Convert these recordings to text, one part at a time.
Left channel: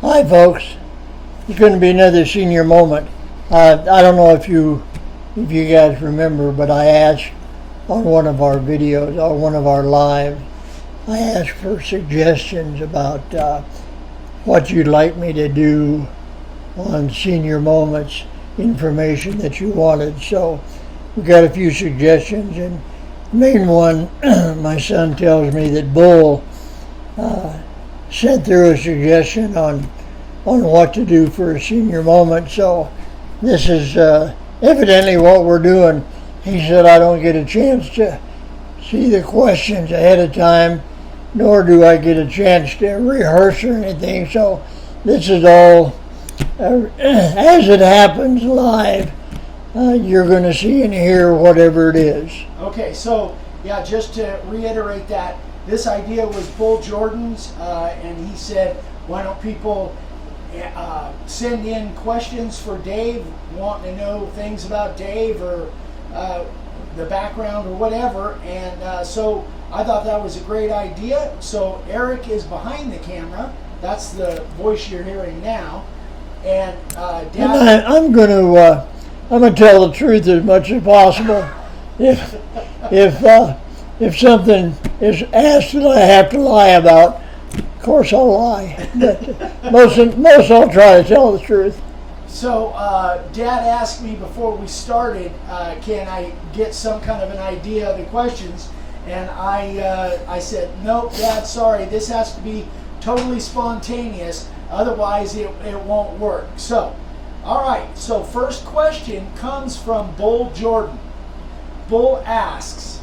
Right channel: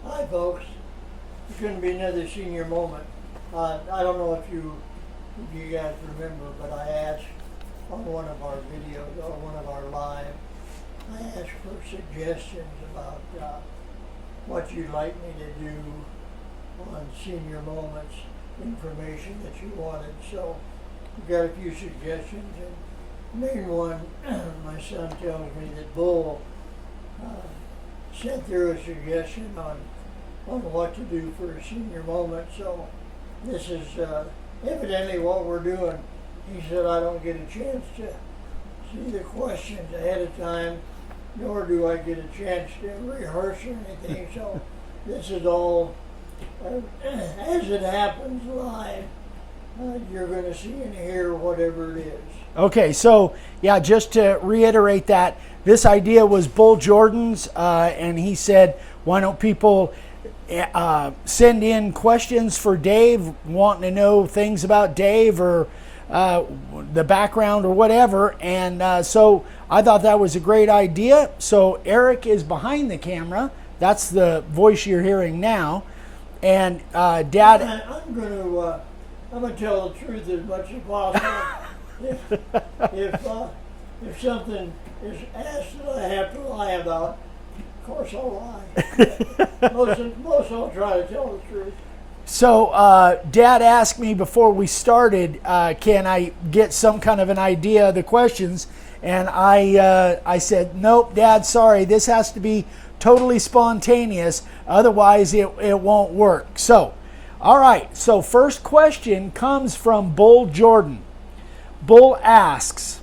Hi, folks. It's going to be another senior moment. I don't know if you guys remember, but I asked on one of our videos or one of our lives, I asked for suggestions about what you'd like me to do on senior moments, information that you wanted. So we got a few suggestions, and the main one, my son tells me that Bull sent through a suggestion on what to do for a senior moment. So this is evidently what we're doing. He said I don't get a chance to see the questions ahead of time, nor do I get a chance to rehearse or anything. So this is all as it happens live. You're going to see and hear whatever it is. Okay, so yeah, just to reiterate that, this idea was Bull Jordan's, and he said, why don't people send in questions for Dave, wanting to know things about Dave or the background or whatever. And so I thought that was a great idea. So Eric is behind the camera. That's the voice you're hearing now. And Dad, I'm going to tell the truth as much as possible. If something is asked that I have to lie about, of course I'll lie. But most I'll try to tell the truth. So Dad asked me before we started, can I get some kind of an idea of the questions? And I said, nope, Dad, sorry, this has to be totally spontaneous, otherwise it won't work. So, all right, so first question comes from Bull Jordan. Bull asks,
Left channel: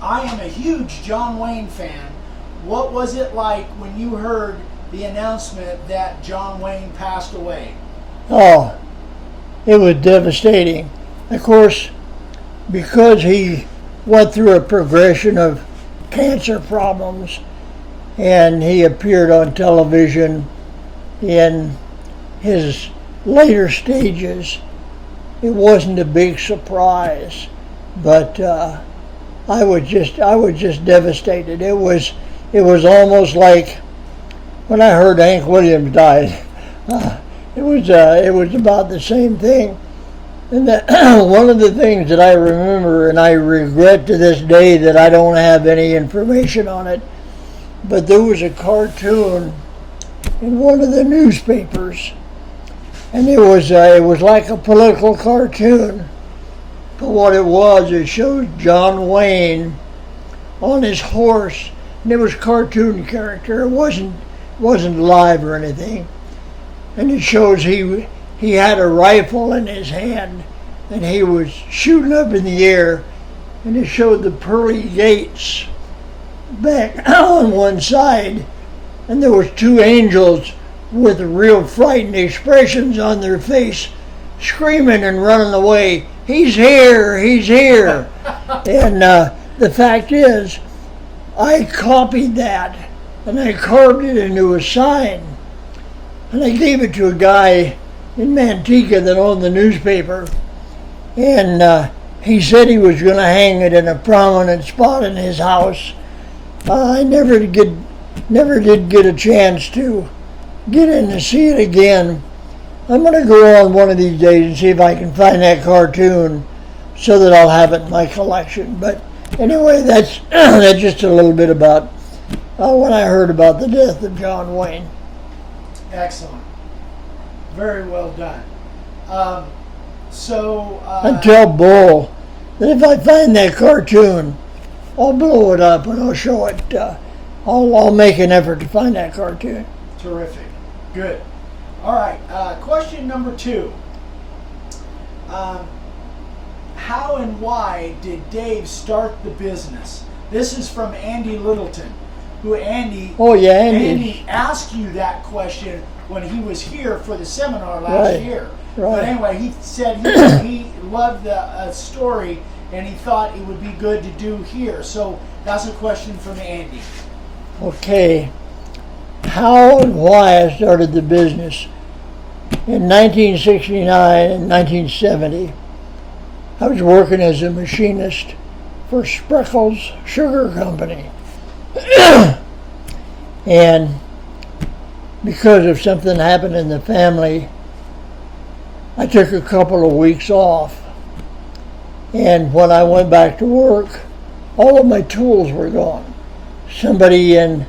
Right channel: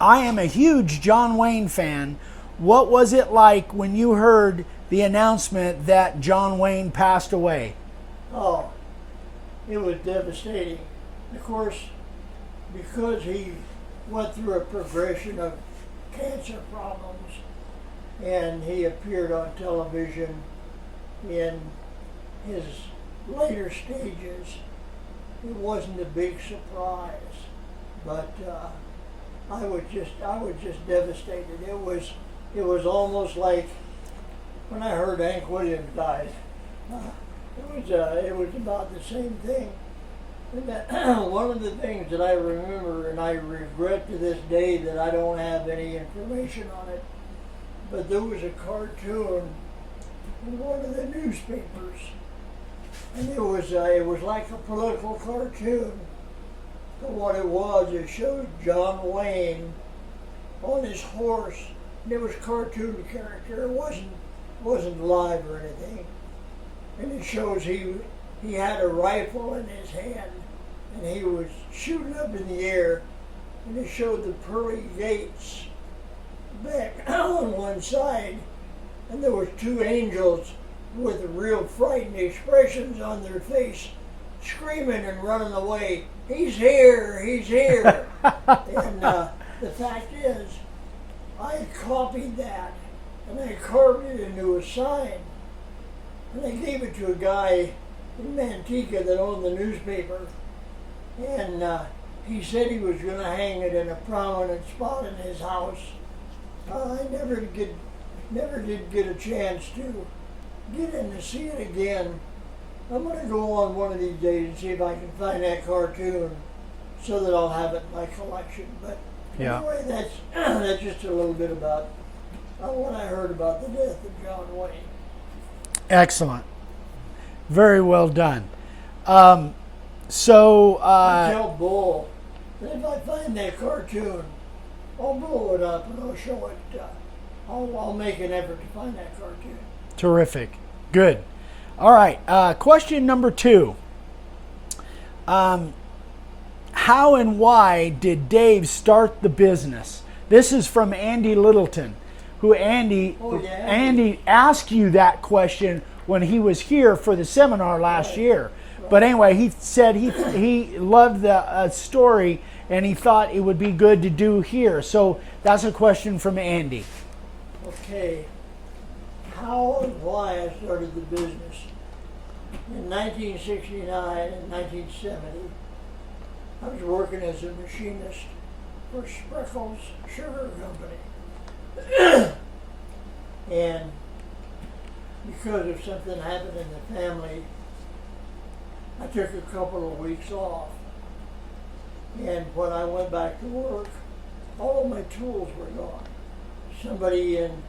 I am a huge John Wayne fan. What was it like when you heard the announcement that John Wayne passed away? Oh, it was devastating. Of course, because he went through a progression of cancer problems and he appeared on television in his later stages, it wasn't a big surprise, but I was just devastated. It was almost like when I heard Hank Williams died. It was about the same thing. And one of the things that I remember, and I regret to this day that I don't have any information on it, but there was a cartoon in one of the newspapers, and it was like a political cartoon. But what it shows John Wayne on his horse, and it was cartoon character. It wasn't live or anything. And it shows he had a rifle in his hand, and he was shooting up in the air, and it showed the pearly gates back on one side, and there was two angels with real frightened expressions on their face, screaming and running away. He's here, he's here. And the fact is, I copied that and I carved it into a sign, and I gave it to a guy in Manteca that owned the newspaper, and he said he was going to hang it in a prominent spot in his house. I never did get a chance to get in to see it again. I'm going to go on one of these days and see if I can find that cartoon so that I'll have it in my collection. But anyway, that's just a little bit about when I heard about the death of John Wayne. Excellent. Very well done. And tell Bull that if I find that cartoon, I'll blow it up and I'll show it. I'll make an effort to find that cartoon. Terrific. Good. All right. Question number 2. How and why did Dave start the business? This is from Andy Littleton, who Andy asked you that question when he was here for the seminar last year. Right. But anyway, he said he loved the story and he thought it would be good to do here. So that's a question from Andy. Okay. How and why I started the business. In 1969 and 1970, I was working as a machinist for Spreckels Sugar Company. And because of something happened in the family, I took a couple of weeks off. And when I went back to work, all of my tools were gone. Somebody in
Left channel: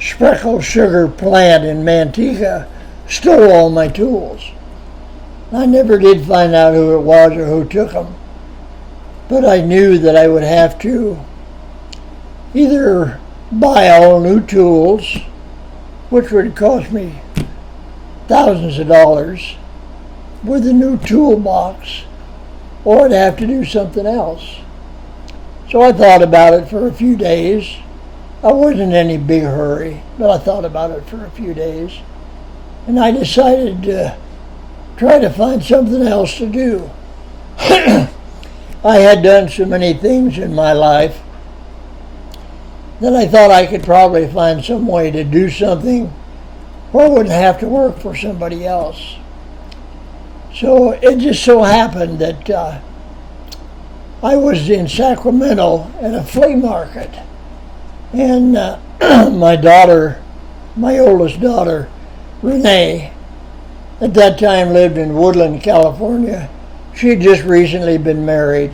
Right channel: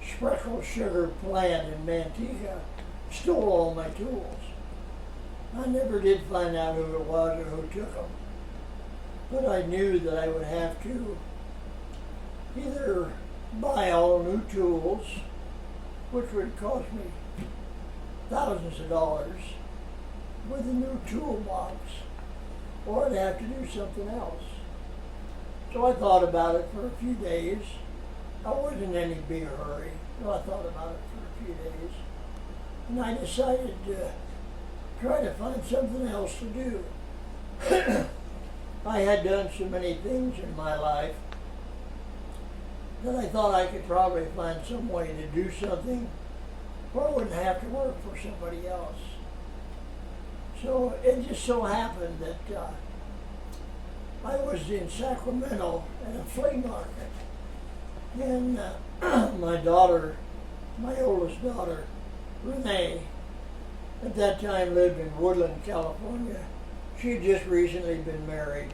Spreckle Sugar plant in Manteca stole all my tools. I never did find out who it was or who took them, but I knew that I would have to either buy all new tools, which would cost me thousands of dollars, with a new toolbox, or I'd have to do something else. So I thought about it for a few days. I wasn't in any big hurry, but I thought about it for a few days. And I decided to try to find something else to do. I had done so many things in my life that I thought I could probably find some way to do something where I wouldn't have to work for somebody else. So it just so happened that I was in Sacramento at a flea market, and my daughter, my oldest daughter, Renee, at that time lived in Woodland, California. She had just recently been married.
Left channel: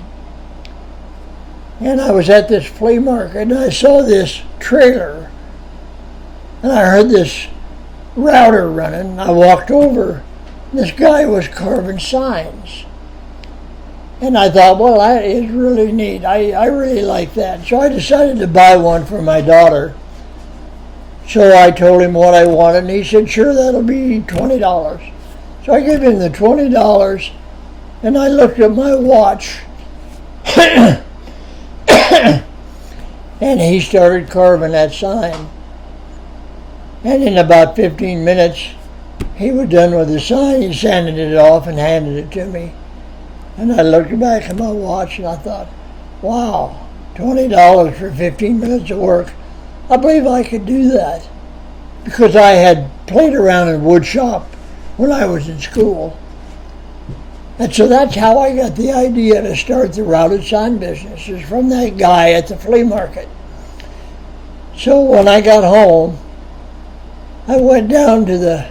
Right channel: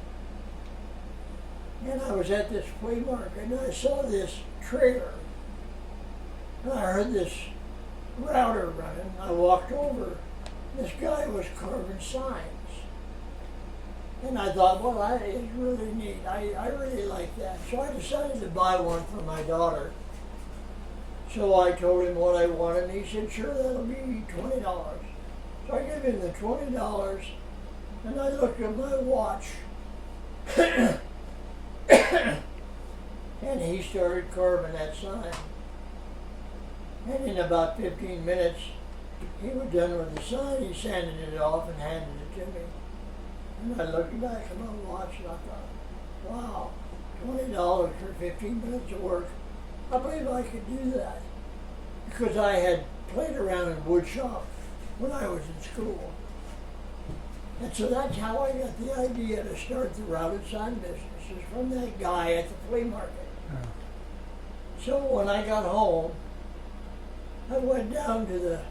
And I was at this flea market and I saw this trailer and I heard this router running. I walked over. This guy was carving signs. And I thought, well, that is really neat. I really like that. So I decided to buy one for my daughter. So I told him what I wanted, and he said, sure, that'll be $20. So I gave him the $20, and I looked at my watch, and he started carving that sign. And in about 15 minutes, he was done with the sign. He sanded it off and handed it to me. And I looked back at my watch and I thought, wow, $20 for 15 minutes of work. I believe I could do that because I had played around in wood shop when I was in school. And so that's how I got the idea to start the routed sign business, is from that guy at the flea market. So when I got home, I went down to the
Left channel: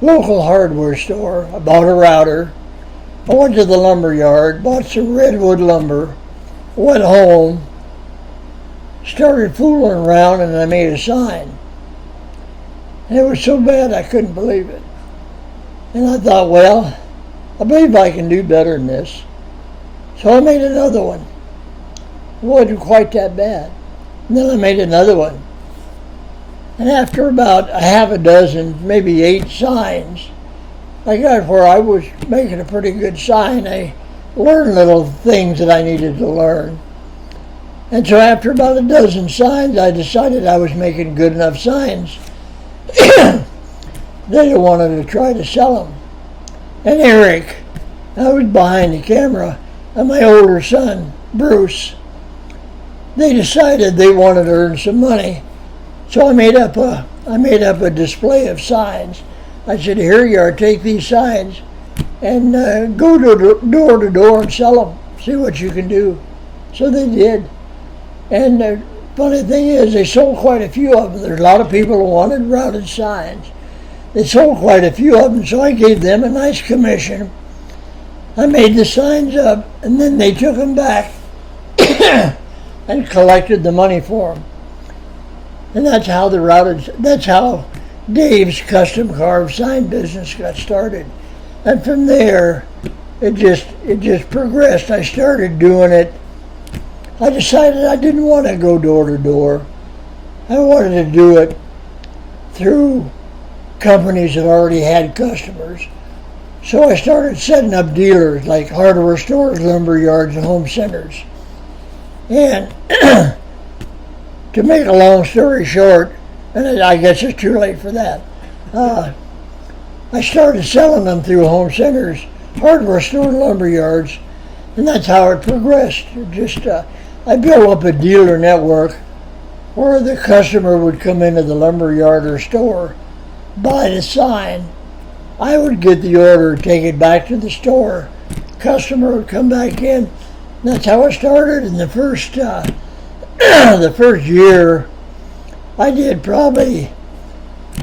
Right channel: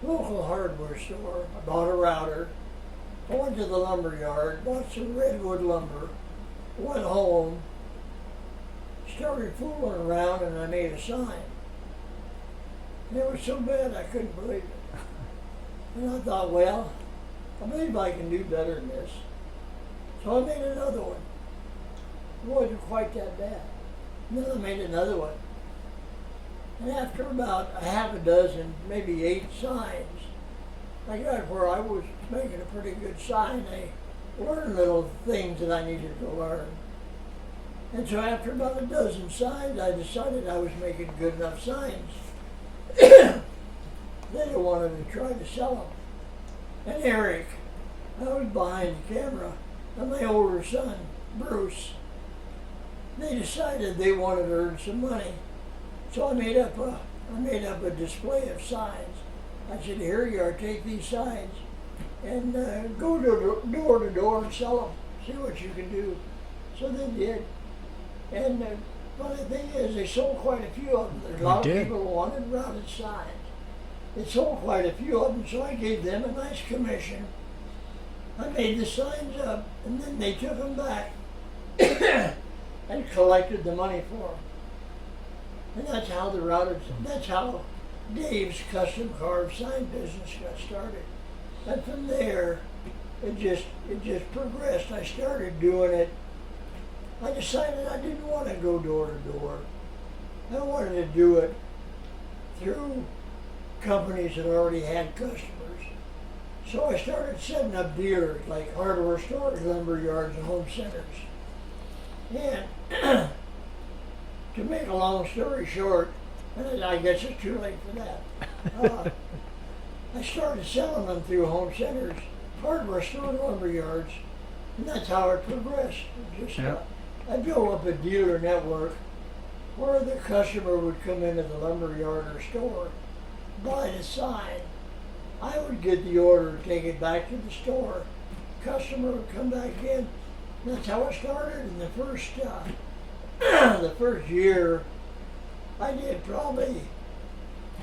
local hardware store, I bought a router. I went to the lumber yard, bought some redwood lumber, went home, started fooling around, and I made a sign. And it was so bad I couldn't believe it. And I thought, well, I believe I can do better than this. So I made another one. It wasn't quite that bad. And then I made another one. And after about a half a dozen, maybe 8 signs, I got where I was making a pretty good sign. I learned little things that I needed to learn. And so after about a dozen signs, I decided I was making good enough signs that I wanted to try to sell them. And Eric, I was behind the camera, and my older son, Bruce, they decided they wanted to earn some money. So I made up a display of signs. I said, here you are, take these signs and go door to door and sell them. See what you can do. So they did. And the funny thing is, they sold quite a few of them. There's a lot of people who wanted routed signs. They sold quite a few of them, so I gave them a nice commission. I made the signs up, and then they took them back and collected the money for them. And that's how Dave's custom carved sign business got started. And from there, it just progressed. I started doing it. I decided I didn't want to go door to door. I wanted to do it through companies that already had customers. So I started setting up dealers like hardware stores, lumber yards, and home centers. And to make a long story short, and I guess it's too late for that, I started selling them through home centers, hardware stores, lumber yards, and that's how it progressed. I built up a dealer network where the customer would come into the lumber yard or store, buy the sign. I would get the order, take it back to the store. Customer would come back in. That's how it started. In the first the first year, I did probably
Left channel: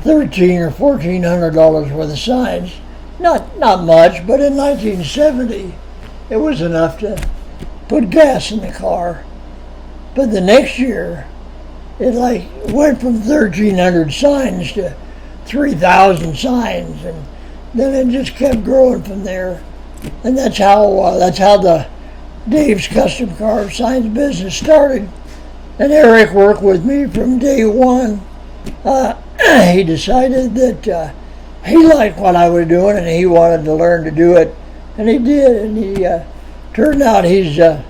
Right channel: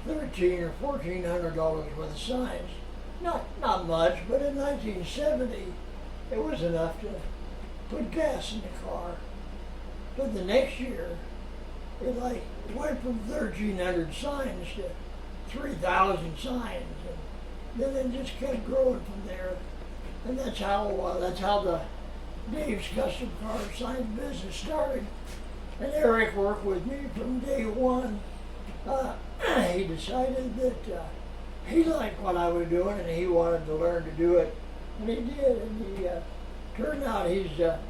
$1,300 or $1,400 worth of signs. Not much, but in 1970, it was enough to put gas in the car. But the next year, it like went from 1,300 signs to 3,000 signs, and then it just kept growing from there. And that's how the Dave's Custom Car Signs business started. And Eric worked with me from day one. He decided that he liked what I was doing, and he wanted to learn to do it, and he did. And he turned out he's a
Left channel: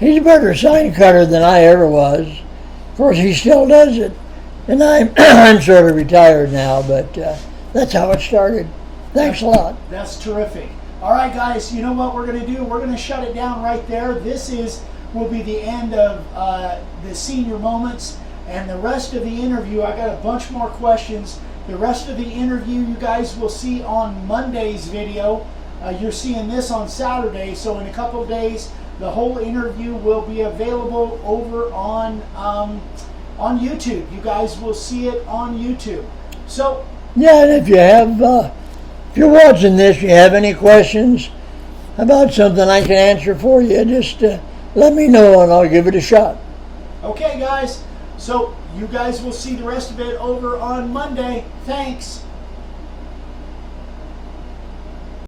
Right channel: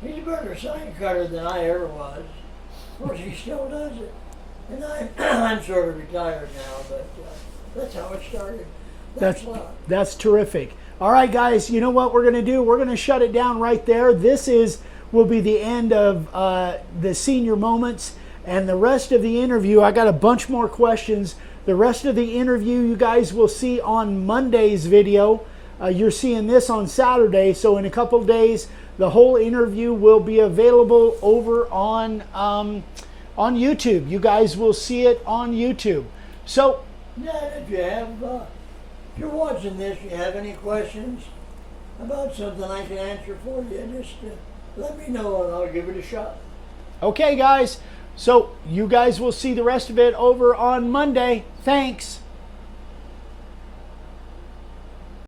better sign cutter than I ever was. Of course, he still does it, and I'm sort of retired now, but that's how it started. Thanks a lot. That's terrific. All right, guys, you know what we're going to do? We're going to shut it down right there. This will be the end of the senior moments, and the rest of the interview, I got a bunch more questions. The rest of the interview you guys will see on Monday's video. You're seeing this on Saturday, so in a couple of days, the whole interview will be available over on YouTube. You guys will see it on YouTube. So yeah, and if you're watching this, you have any questions about something I can answer for you, just let me know and I'll give it a shot. okay, guys. So you guys will see the rest of it over on Monday. Thanks.